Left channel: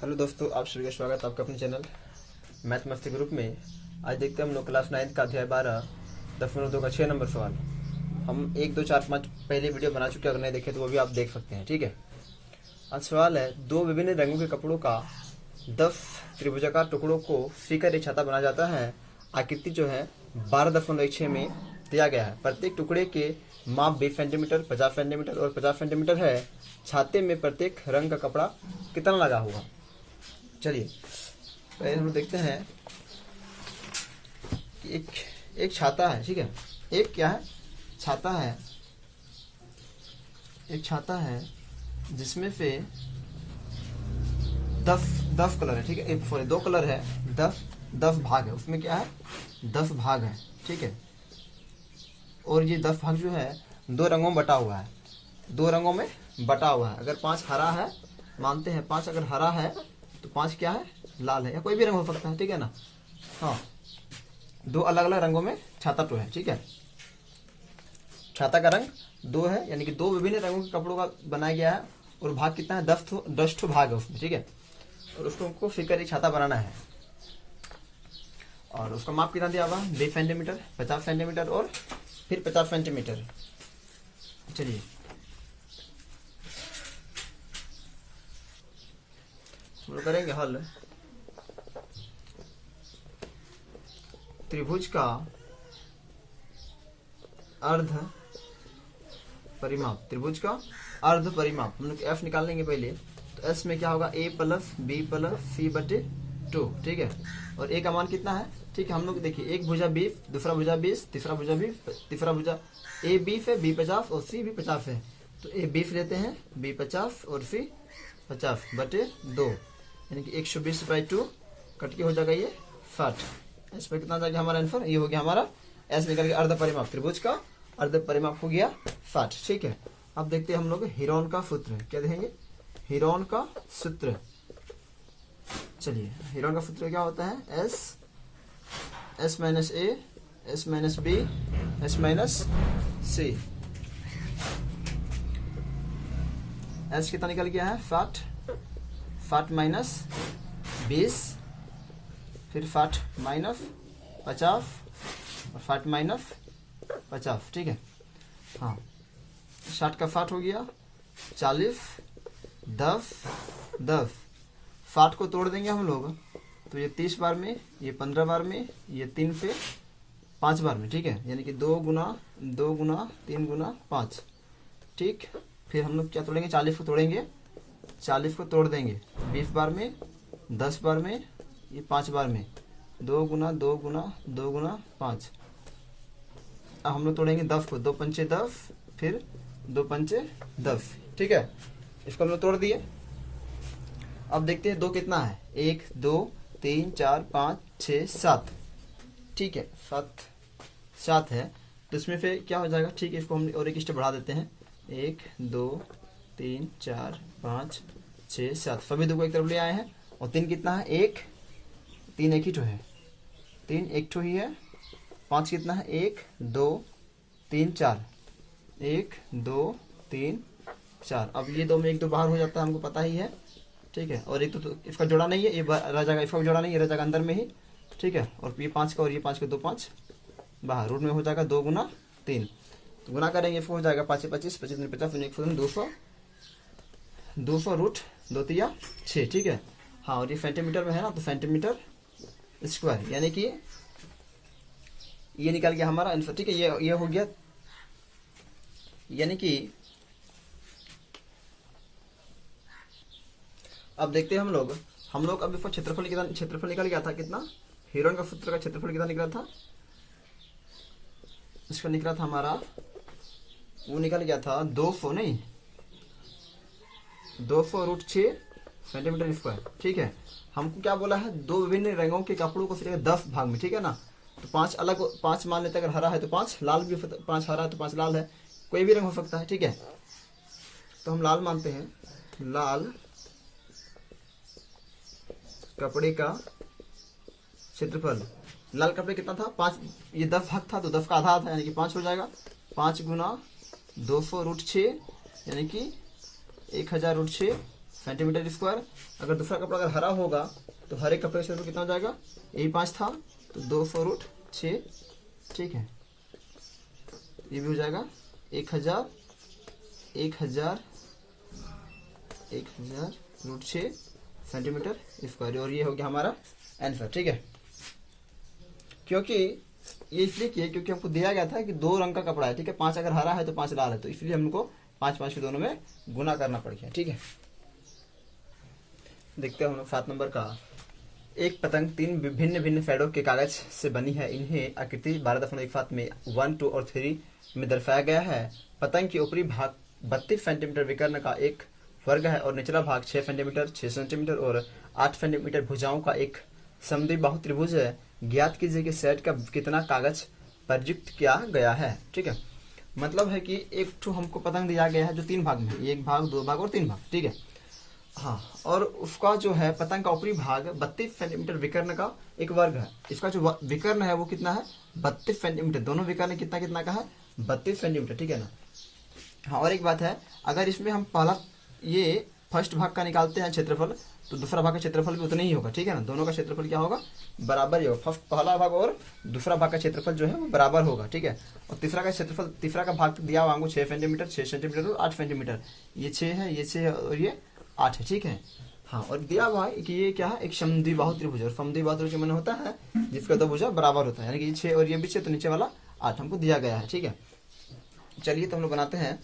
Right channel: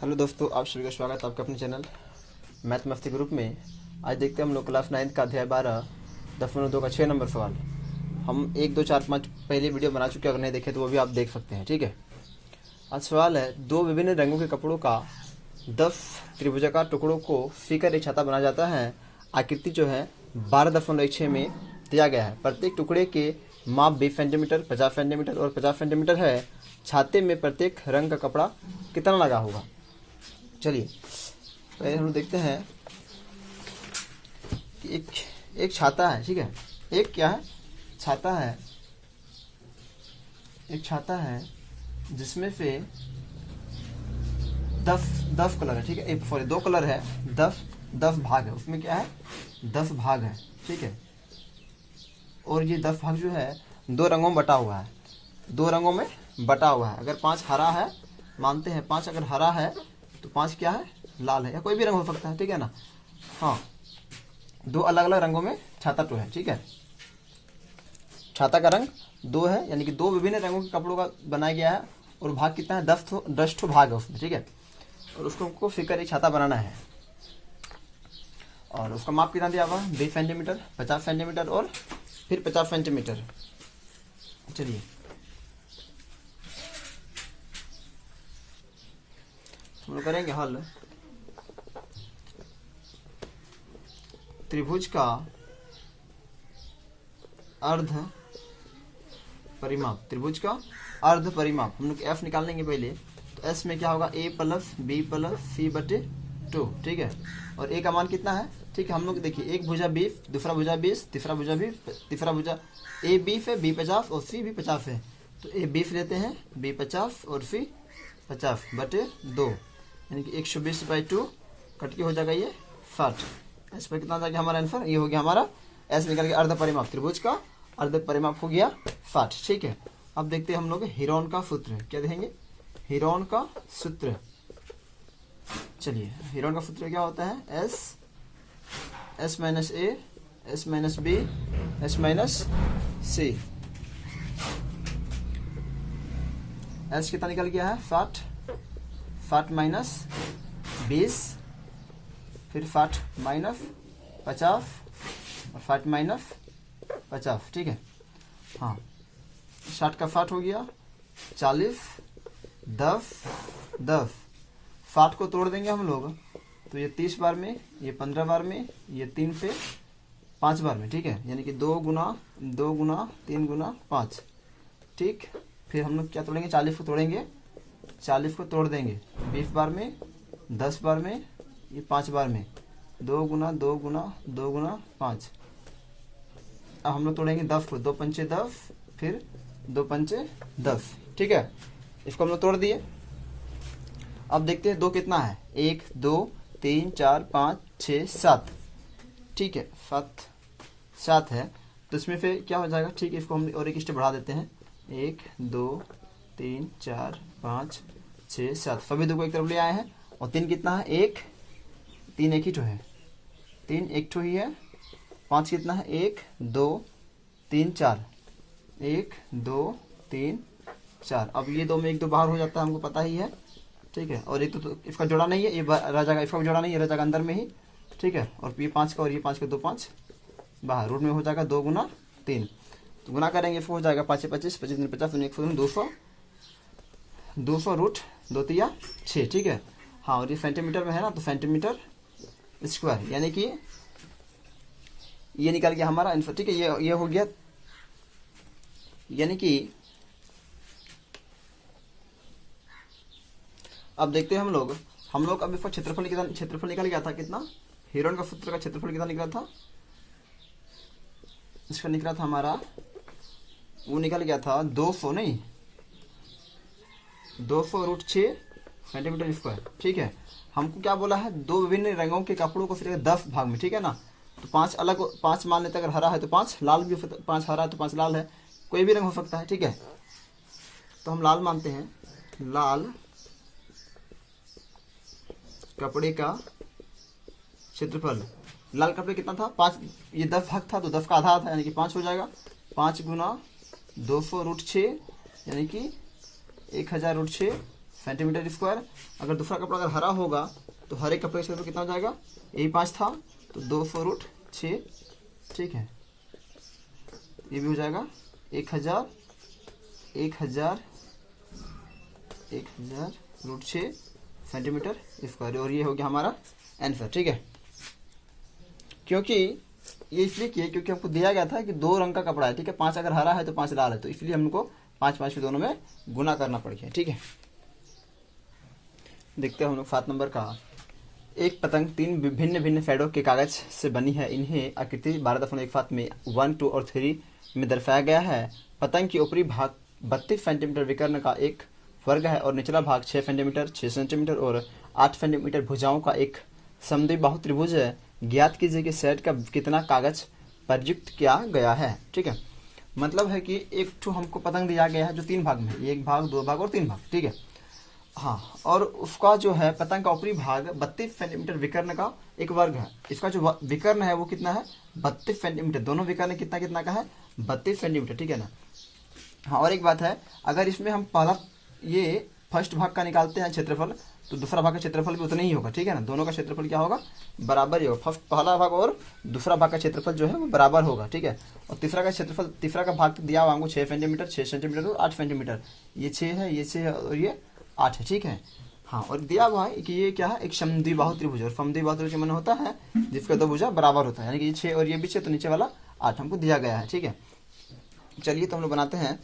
Hello दोस्तों, आप सभी का स्वागत है आपके अपने चैनल मैथ मस्ती ग्रुप में। आज देखते हैं हम लोग क्लास 9 का अध्याय 12 10.2 का 6 नंबर सवाल। हम 1 2 4 5 पहले वीडियो बना चुके हैं, अगर नहीं देखे तो वो भी आप देख सकते हैं। ठीक है, आज सवाल है, दो विभिन्न रंगों के कपड़ों का 10 त्रिभुजाकार टुकड़ों को सीकर एक छाता बनाया जाता है। आकृति जो है 12.6 में दिया गया है। प्रत्येक टुकड़े के माप 20 सेंटीमीटर, 50 सेंटीमीटर और 50 सेंटीमीटर है। छाते में प्रत्येक रंग का कपड़ा कितना लगा होगा। चलिए पहले हम देखते हैं कि एक छाता है। ठीक है, एक क्या है, छाता है। एक छाता है जिसमें से 10 कलर है। ठीक है, एक सॉरी 2 कलर है, 10 भाग है। उसमें क्या है, 10 भाग है। ठीक है, और ये 10 भाग जो है 2 रंगों में बटा हुआ है। 2 रंगों में बटा हुआ है। अगर 5 हरा है, मानते हैं 5 अगर हरा है तो 5 क्या है, लाल है, या कोई भी रंग हो सकता है। ठीक है ना। हाँ, 2 अलग अलग रंगों में छाता तो है। ठीक है, छाता का रंग 2 है, यानी कि 2 विभिन्न रंगों के कपड़ों का बनाया गया है। और भाग कितना है, 10 ठो भाग है उसमें। ठीक है, और उसको फिकर एक छाता बनाना है। और उसका माप कितना दिया हुआ है, 20 सेंटीमीटर, 50 सेंटीमीटर और फिर 50 सेंटीमीटर। चलिए हम लोग करेंगे हल। त्रिभुज का अर्ध परिमाप, त्रिभुज का अर्ध परिमाप हम लोग एफ निकाल लेंगे पहले। तो एस में क्या होगा, ए प्लस बी प्लस सी बटे 2। ठीक है, और ए का मान कितना है। ठीक है, हम लोग देखिए, एक भुजा 20, दूसरा भुजा 20, तीसरा भुजा 20, तीसरा भुजा ए 20 है, बी 50 और सी भी 50 है। तो ए 20 लेते हैं, बी 50 और सी 50 बटे 2, यानी कि 120/2 कट के हो जाएगा ये 60। इस पर कितना आ जाएगा हमारा आंसर, ये हो गया हमारा एस निकल के अर्ध परिमाप। त्रिभुज का अर्ध परिमाप हो गया 60। ठीक है, अब देखते हैं हम लोग हीरोन का सूत्र। क्या देखेंगे, हीरोन का सूत्र। चलिए, हीरोन का सूत्र क्या होता है, s minus a, s minus b, s minus c. S कितना निकल गया है, 60 माइनस 20, फिर 60 माइनस 50, 60 माइनस 50। ठीक है, हाँ, 60 का 60 हो गया 40, 10 10। 60 को तोड़ देंगे हम लोग तो ये 30 बार में, ये 15 बार में, ये 3 से 5 बार में। ठीक है, यानी कि 2 गुना 3 गुना 5। ठीक, फिर हम लोग क्या तोड़ेंगे, 40 को तोड़ेंगे, 40 को तोड़ देंगे 20 बार में, 10 बार में, ये 5 बार में, 2 गुना 5। अब हम लोग तोड़ेंगे 10 को, 2 पंचे 10, फिर 2 पंचे 10। ठीक है, इसको हम लोग तोड़ दिए। अब देखते हैं 2 कितना है, 1 2 3 4 5 6 7। ठीक है, 7 है, तो इसमें फिर क्या हो जाएगा। ठीक है, इसको हम और एक स्टेप बढ़ा देते हैं, 1 2 3 4 5 6 7, सभी 2 को एक तरफ ले आए हैं। और 3 कितना है, 3 एक ही ठो है, 3 एक ठो ही है। 5 कितना है, 1 2 3 4, 1 2 3 4। अब ये 2 में 1 2 बाहर हो जाता है, हमको पता ही है। ठीक है, और एक तो इसका जोड़ा नहीं है, ये रह जाएगा, इसका जोड़ा नहीं है, रह जाएगा अंदर में ही। ठीक है, और ये 5 का और ये 5 का 2 5 बाहर, रूट में हो जाएगा 2 गुना 3। तो गुना करेंगे, इसको हो जाएगा 5 25, 25 50, 200 रूट 2 3 6। ठीक है, हाँ, और ये सेंटीमीटर में है ना, तो सेंटीमीटर स्क्वायर, यानी कि ये निकल गया हमारा आंसर। ठीक है, ये हो गया, यानी कि अब देखते हैं हम लोग अब इसका क्षेत्रफल निकल गया था कितना, हीरोन का सूत्र का क्षेत्रफल कितना निकला था, इसका निकला था हमारा, वो निकल गया था 200 नहीं, 200 रूट 6 सेंटीमीटर स्क्वायर। ठीक है, हमको क्या बोला है, 2 विभिन्न रंगों के कपड़ों को फिर 10 भाग में। ठीक है ना, तो 5 मान लेते, अगर हरा है तो 5 लाल भी, 5 हरा है तो 5 लाल है, कोई भी रंग हो सकता है। ठीक है, तो हम लाल मानते हैं, लाल कपड़े का क्षेत्रफल। लाल कपड़े कितना था, 5, ये 10 भाग था, तो 10 का आधा था, यानी कि 5 हो जाएगा। 5 गुना 200 रूट 6, यानी कि 1000 रूट 6 सेंटीमीटर स्क्वायर। अगर दूसरा कपड़ा अगर हरा होगा तो हरे कपड़े का क्षेत्रफल कितना हो जाएगा, यही 5 था तो 200√6, ठीक है। ये भी हो जाएगा 1000√6 सेंटीमीटर स्क्वायर, और ये हो गया हमारा आंसर, ठीक है। क्योंकि ये इसलिए किया क्योंकि हमको दिया गया था कि 2 रंग का कपड़ा है, ठीक है, 5 अगर हरा है तो 5 लाल है, तो इसलिए हमको 5 के दोनों में गुना करना पड़ गया, ठीक है। देखते हैं हम लोग 7 नंबर का। एक पतंग 3 विभिन्न भिन्न फेडों के कागज से बनी है। इन्हें आकृति 12.17 में 1, 2 और 3 में दर्शाया गया है। पतंग की ऊपरी भाग 32 सेंटीमीटर विकर्ण का एक वर्ग है और निचला भाग 6 सेंटीमीटर, 6 सेंटीमीटर और 8 सेंटीमीटर भुजाओं का एक समद्विबाहु त्रिभुज है। ज्ञात कीजिए कि सेट का कितना कागज प्रयुक्त किया गया है, ठीक है। मतलब है कि एक ठो हमको पतंग दिया गया है जो 3 भाग में, 1 भाग, 2 भाग और 3 भाग, ठीक है। हाँ, और उसका जो है पतंग का ऊपरी भाग 32 सेंटीमीटर विकर्ण का एक वर्ग है। इसका जो विकर्ण है वो कितना है, 32 सेंटीमीटर। दोनों विकर्ण कितना कितना का है, 32 सेंटीमीटर, ठीक है ना। हाँ, और एक बात है, अगर इसमें हम पहला ये फर्स्ट भाग का निकालते हैं क्षेत्रफल, तो दूसरा भाग का क्षेत्रफल भी उतना ही होगा, ठीक है ना। दोनों का क्षेत्रफल क्या होगा, बराबर ही होगा। फर्स्ट पहला भाग और दूसरा भाग का क्षेत्रफल जो है वो बराबर होगा, ठीक है। और तीसरा का क्षेत्रफल, तीसरा का भाग दिया हुआ 6 सेंटीमीटर, 6 सेंटीमीटर और 8 सेंटीमीटर। ये 6 है, ये 6 है और ये 8 है, ठीक है। हाँ, और दिया हुआ है कि ये क्या है, एक समद्विबाहु त्रिभुज। और समद्विबाहु त्रिभुज माने होता है जिसका 2 भुजा बराबर होता है, यानी कि ये 6 और ये भी 6, तो नीचे वाला 8 हमको दिया गया है, ठीक है। चलिए तो हम लोग बनाते हैं।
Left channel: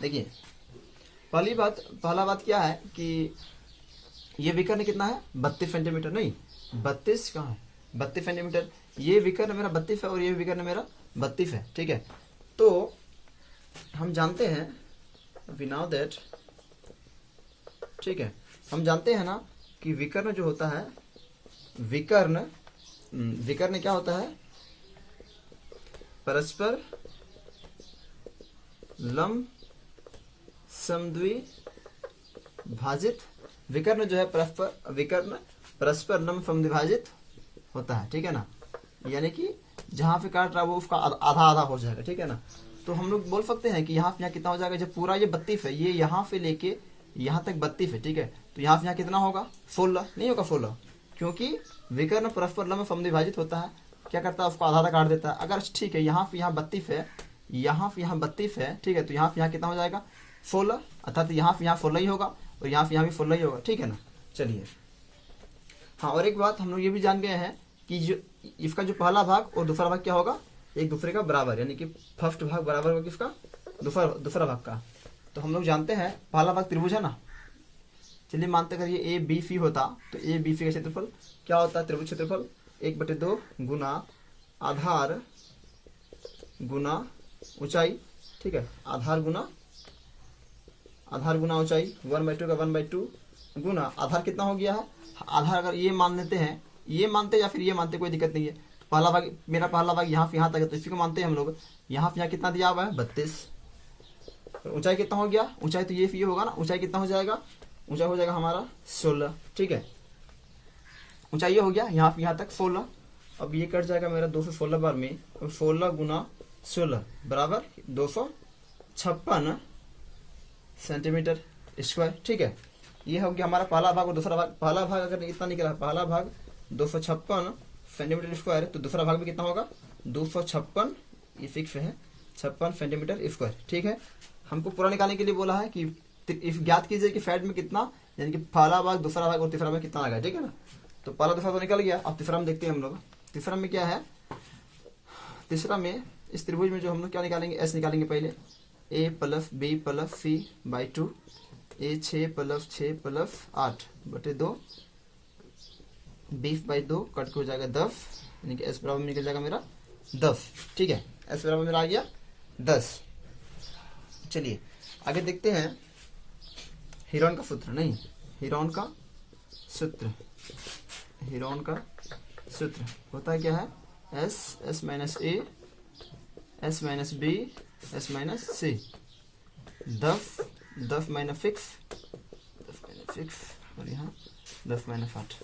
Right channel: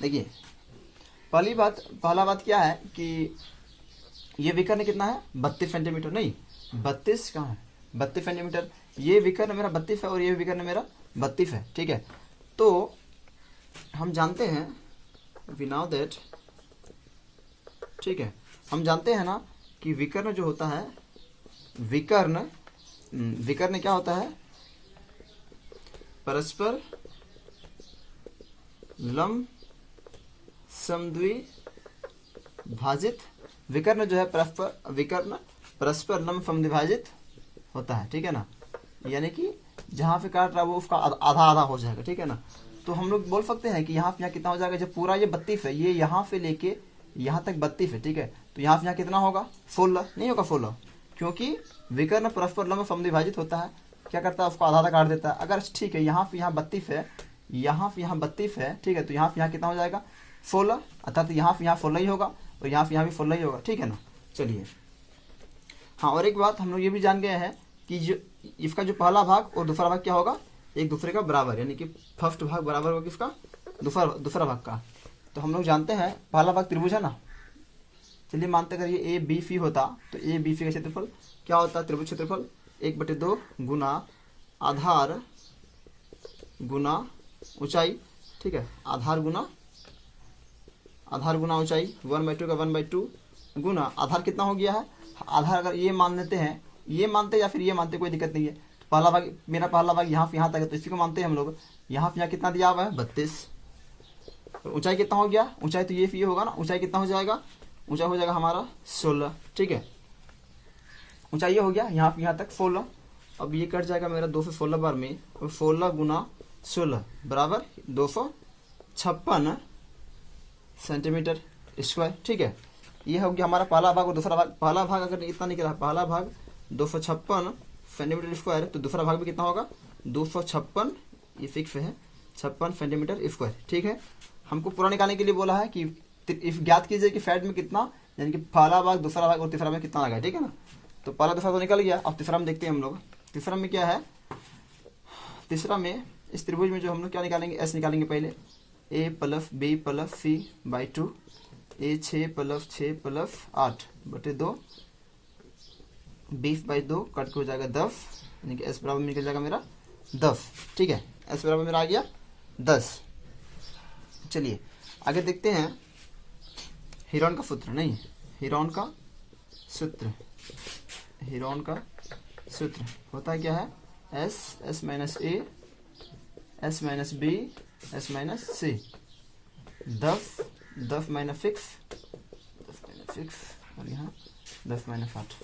देखिए, पहला बात क्या है कि ये विकर्ण कितना है, 32 सेंटीमीटर, नहीं 32 कहाँ है, 32 सेंटीमीटर। ये विकर्ण मेरा 32 है और ये विकर्ण मेरा 32 है, ठीक है। तो हम जानते हैं, वी नाउ दैट, ठीक है, हम जानते हैं ना कि विकर्ण जो होता है, विकर्ण क्या होता है, परस्पर लंब समद्विभाजित। विकर्ण जो है परस्पर लंब समद्विभाजित होता है, ठीक है ना। यानी कि जहां पे काट रहा है वो उसका आधा आधा हो जाएगा, ठीक है ना। तो हम लोग बोल सकते हैं कि यहाँ पे यहाँ कितना हो जाएगा, जब पूरा ये 32 है, ये यहाँ से लेके यहाँ तक 32 है, ठीक है, तो यहाँ से यहाँ कितना होगा, 16 नहीं होगा, 16, क्योंकि विकर्ण परस्पर लंब समद्विभाजित होता है, क्या करता है, उसको आधा आधा काट देता है। अगर ठीक है, यहाँ से यहाँ 32 है, यहाँ से यहाँ 32 है, ठीक है, तो यहाँ से यहाँ कितना हो जाएगा, 16, अर्थात यहाँ से यहाँ 16 ही होगा और यहाँ से यहाँ भी 16 ही होगा, ठीक है ना। चलिए, हाँ, और एक बात हम लोग ये भी जान गए हैं कि जो इसका जो पहला भाग और दूसरा भाग क्या होगा, एक दूसरे का बराबर, यानी कि फर्स्ट भाग बराबर होगा किसका, दूसरा भाग का। तो हम लोग जानते हैं पहला भाग त्रिभुज है ना। चलिए मानते अगर ये ए बी सी होता तो ए बी सी का क्षेत्रफल क्या होता है, त्रिभुज क्षेत्रफल 1/2 गुना आधार गुना ऊंचाई, ठीक है, आधार गुना ऊंचाई, 1/2 का 1/2 गुना आधार कितना हो गया है, आधार अगर ये मान लेते हैं, ये मानते या फिर ये मानते, कोई दिक्कत नहीं है। पहला भाग, मेरा पहला भाग यहाँ से यहाँ तक है, तो इसी को मानते हैं हम लोग। यहाँ पे यहाँ कितना दिया हुआ है, 32। ऊंचाई कितना हो गया, ऊंचाई तो ये होगा ना, ऊंचाई कितना हो जाएगा, ऊंचाई हो जाएगा हमारा 16, ठीक है। ऊंचाई ये हो गया यहाँ से यहाँ तक 16। अब ये कट जाएगा मेरा 216 बार में, और 16 गुना 16 बराबर 256 सेंटीमीटर स्क्वायर, ठीक है। ये हो गया हमारा पहला भाग और दूसरा भाग। पहला भाग अगर इतना निकला, पहला भाग 256 सेंटीमीटर स्क्वायर, तो दूसरा भाग भी कितना होगा, 256, ये फिक्स है, 56 सेंटीमीटर स्क्वायर, ठीक है। हमको पूरा निकालने के लिए बोला है कि ज्ञात कीजिए कि साइड में कितना, यानी कि पहला भाग, दूसरा भाग और तीसरा भाग कितना लगा है, ठीक है ना। तो पहला दूसरा तो निकल गया, अब तीसरा में देखते हैं हम लोग। तीसरा में क्या है, तीसरा में इस त्रिभुज में जो हम लोग क्या निकालेंगे, एस निकालेंगे पहले, a plus B plus C by 2, a 6 plus 6 plus 8/2, 20/2 cut के हो जाएगा 10, यानी कि एस बराबर निकल जाएगा मेरा 10, ठीक है। एस बराबर मेरा आ गया 10। चलिए आगे देखते हैं हीरोन का सूत्र, नहीं हीरोन का सूत्र, हीरोन का सूत्र होता है क्या है, s minus a, s minus b, s minus c, 10 minus 6 और यहाँ 10 माइनस 8,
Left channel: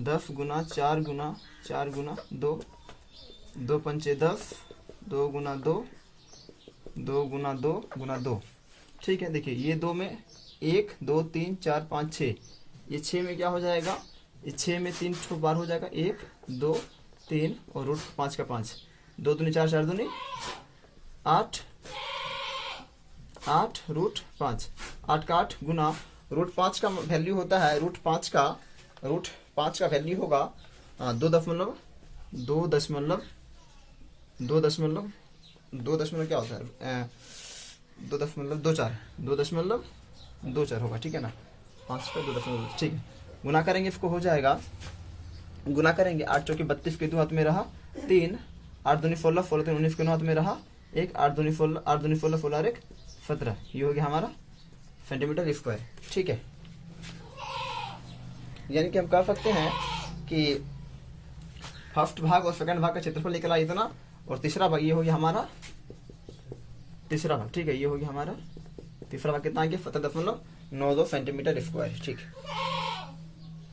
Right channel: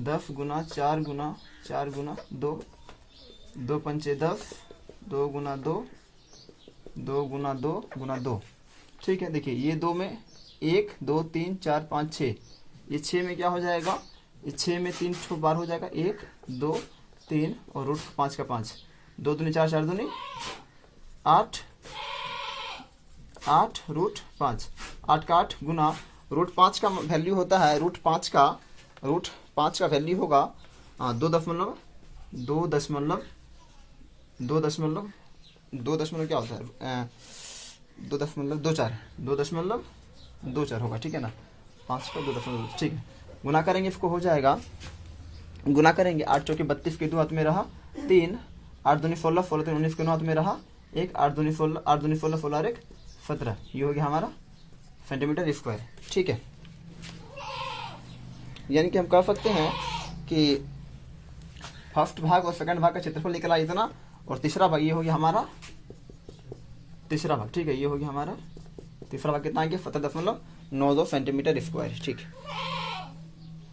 10 गुना 4 गुना 4 गुना 2, 2 पंचे 10, 2 गुना 2, 2 गुना 2 गुना 2। ठीक है, देखिए ये 2 में 1 2 3 4 5 6, ये 6 में क्या हो जाएगा, ये 6 में 3 ठो बार हो जाएगा, 1 2 3 और रूट 5 का 5, 2 दूनी 4 4 दूनी 8, 8 रूट 5, 8 का 8 गुना रूट 5 का वैल्यू होता है, रूट 5 का वैल्यू होगा 2 क्या होता है, 2.24 होगा। ठीक है ना, 5 का 2.2, ठीक है। गुना करेंगे इसको, हो जाएगा, गुना करेंगे 8 चौके 32 के 2 हाथ में रहा 3, 8 दूनी 16, 16 3 19 के 9 हाथ में रहा 1, 8 दूनी 16, 8 दूनी 16, 16 और 1 17, ये हो गया हमारा सेंटीमीटर स्क्वायर। ठीक है, यानी कि हम कह सकते हैं कि फर्स्ट भाग और सेकंड भाग का क्षेत्रफल निकला इतना, और तीसरा भाग ये हो गया हमारा तीसरा भाग। ठीक है, ये हो गया हमारा तीसरा भाग, कितना आ गया 17.92 सेंटीमीटर स्क्वायर। ठीक है।